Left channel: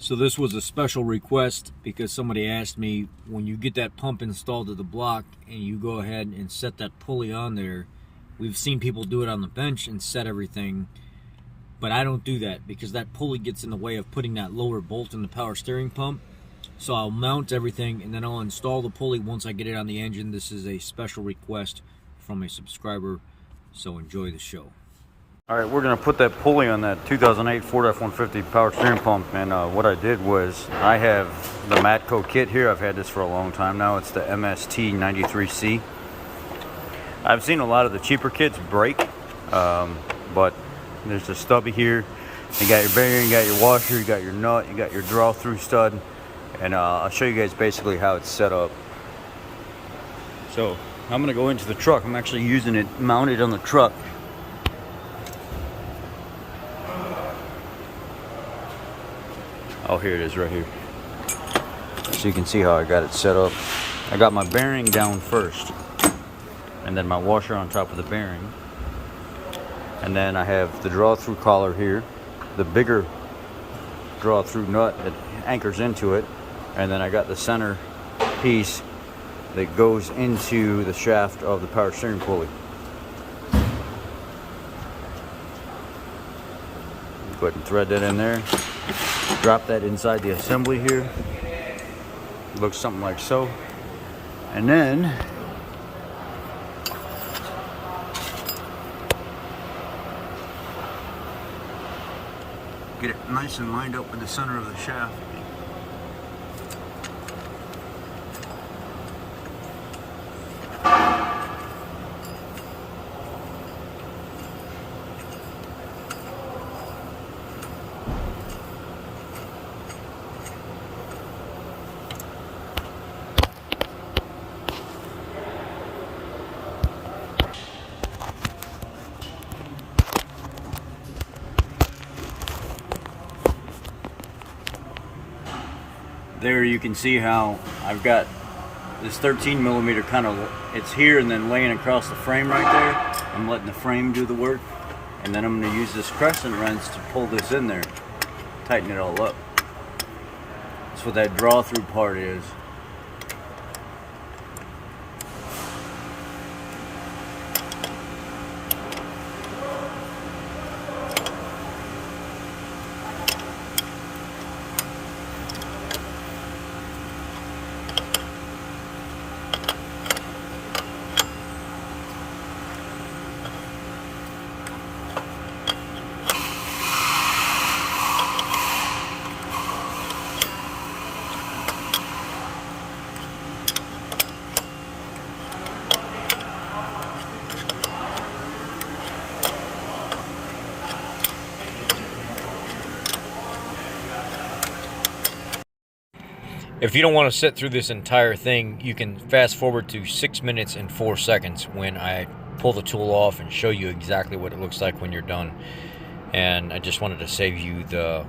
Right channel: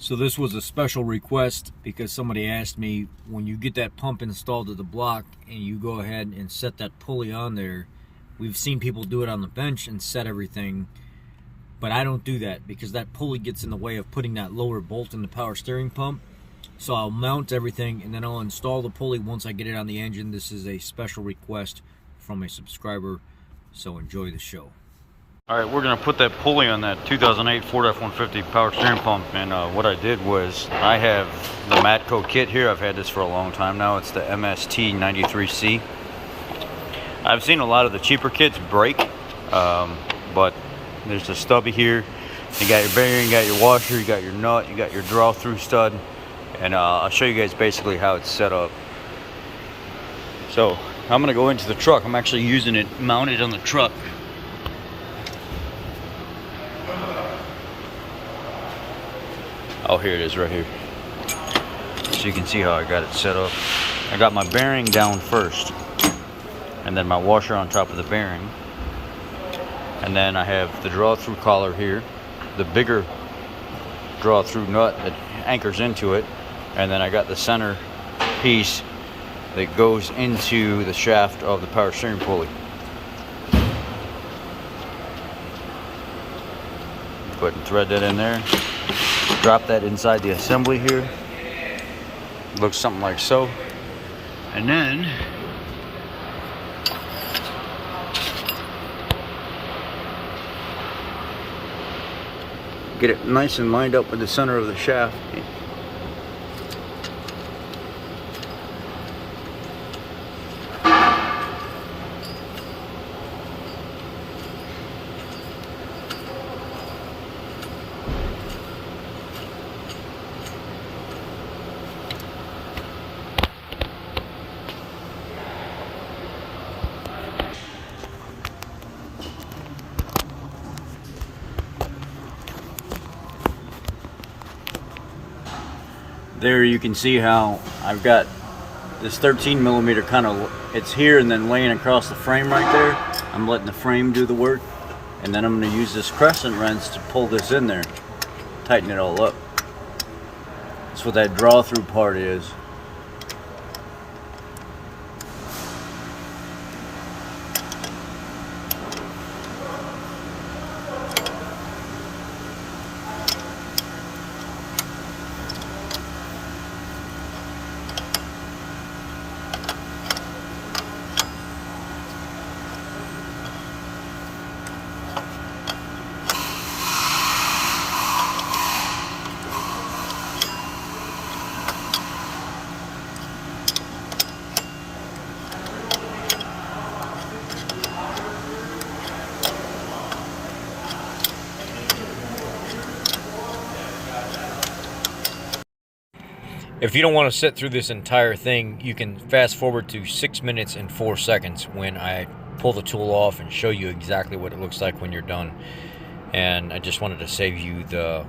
So this was a special request because somebody asked me, when you get that pump installed to the block and you go ahead and set that pulley on there, we've seen people do it on the bench and set everything, but I don't do that because that pulley gets in the way of putting that lower bolt in the power steering pump. So I'll mount everything and then I'll install the pulley once I get it on the engine. This is a special request from a subscriber, so enjoy the show. All right, we're gonna put that pulley on that 2008 Ford F-150 power steering pump, and what I did was I have the Matco kit here. I've had this for a long time now. It's the MST 93C. I've seen a lot of the cheaper kits break, but there's a stubby here. You got your bearing, you got your washer, you got your nut, you got your draw-through stud, and I'll show you guys basically how it's set up. So I'm gonna go into the truck. I'm actually using it mounted on the truck. Oh, here it is right here. So you can see how I got it set up. I got my bearing down first, and then my washer on top of the bearing. And then I have the draw-through collar here, the bigger draw-through nut that anchors into it. And then I got the center piece that goes into the shaft of the power steering pulley. Go ahead and thread that in there. Drop that inside the assembly here. Looks something like so. And then get it nice and lined up with the center of the shaft. There you can see how I've got this 13mm kind of, it's here and then laying across the frame right there. I'm letting the frame do the work, and then I'm going to use this crescent wrench to pull this in there, tighten it all up. That's what that draw through part is. If you don't want to sit through this entire thing, you can fast forward to 6 minutes and 4 seconds when I pull the tool off and show you exactly what it looks like when you're done. And I just wanted to save you the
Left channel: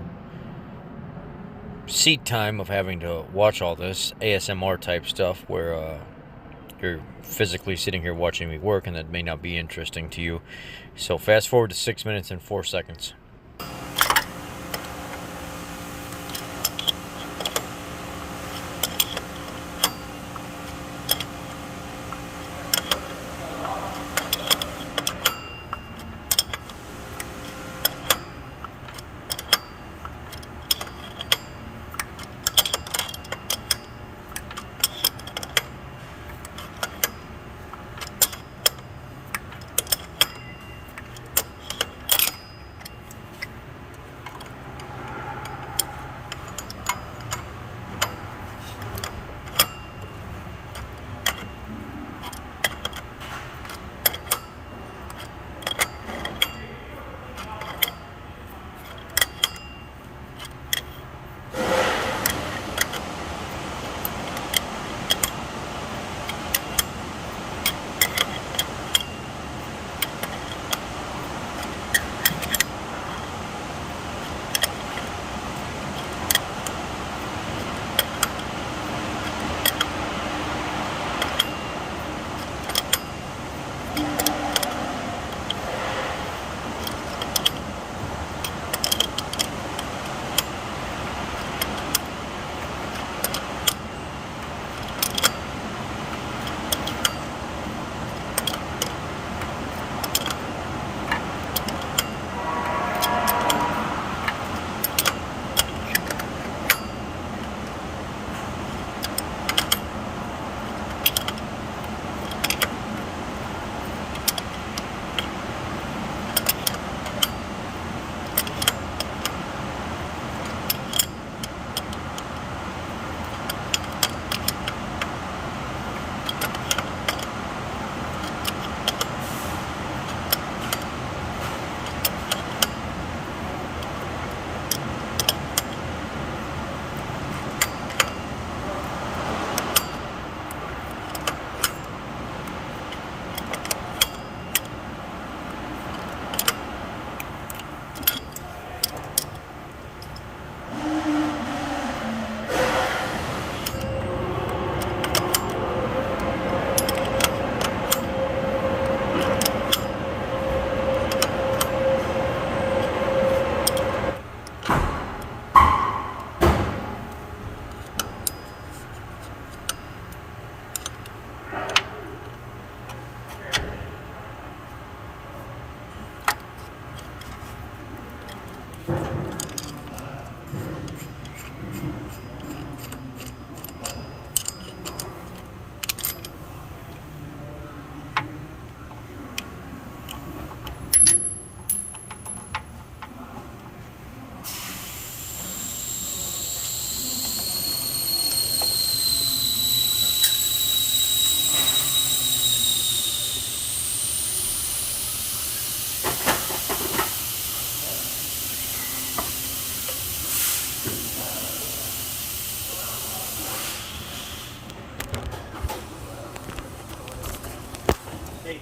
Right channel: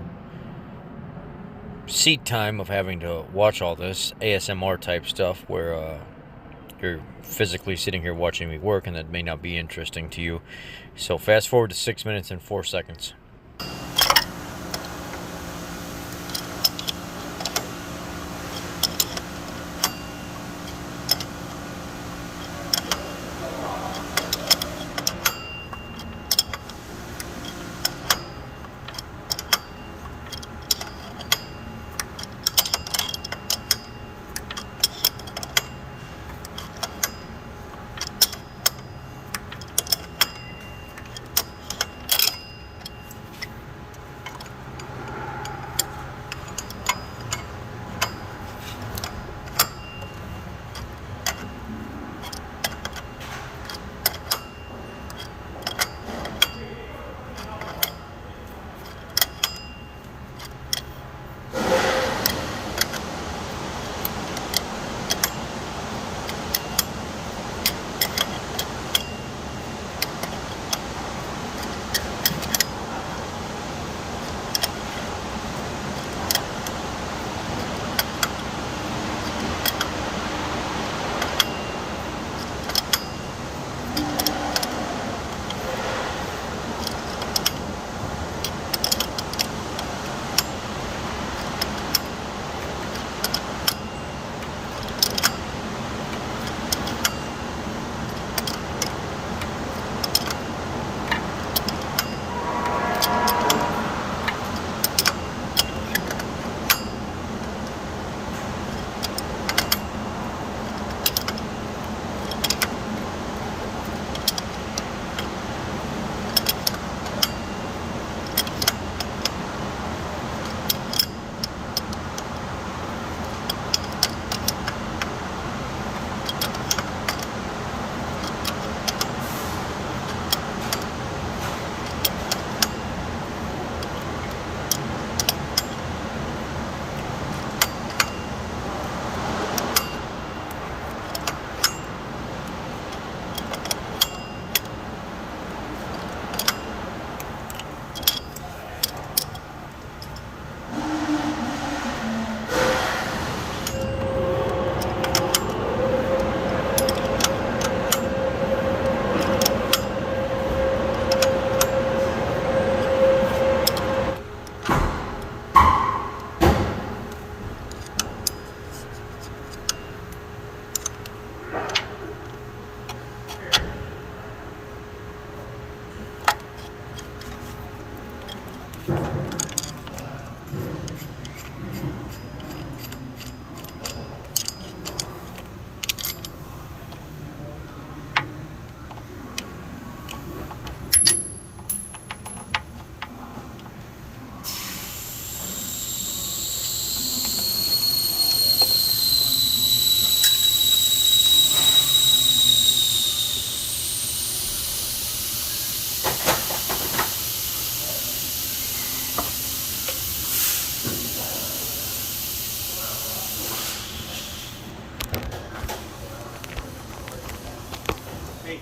seat time of having to watch all this ASMR type stuff where you're physically sitting here watching me work, and that may not be interesting to you. So fast forward to 6 minutes and 4 seconds.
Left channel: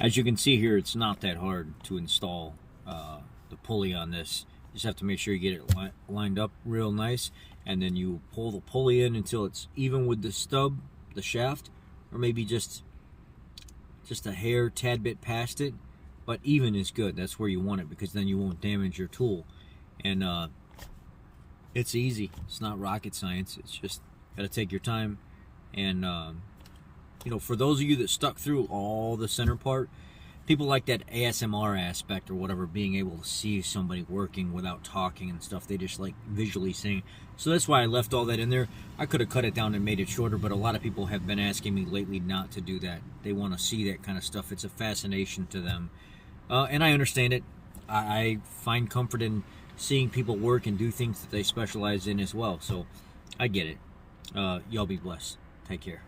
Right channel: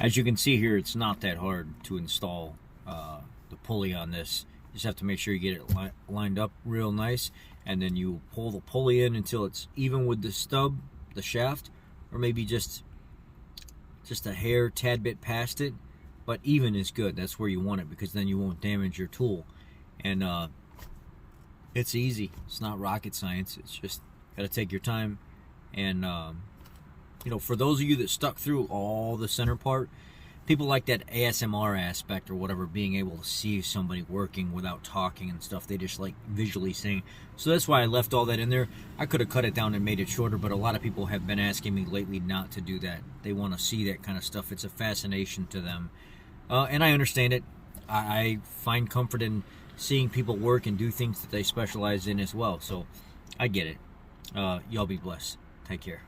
As you can see here, it's not that hard to install the pulley on this. You just have to make sure you get it lined up real nice, and then you pull the pulley in until it's even with the stub, the shaft, or maybe just a hair, tad bit past it, but even is good. That's where you want it, because then you won't damage your tool. And it's easy. It's not rocket science. It's just got to take your time. And you know, for those of you that stuck through all the center part, people like that ASMR aspect or whatever, being able to see somebody working without talking and stuff. They just like visually seeing. So that's why I left all that in there. I could have cut it down and made it shorter, but a lot of people have been asking me lately not to do that. They want to see that kind of stuff. It's a fascination to them. And I understand it. I find comfort in seeing people work and do things that they specialize in as well. So I get it. Y'all be blessed. Take care.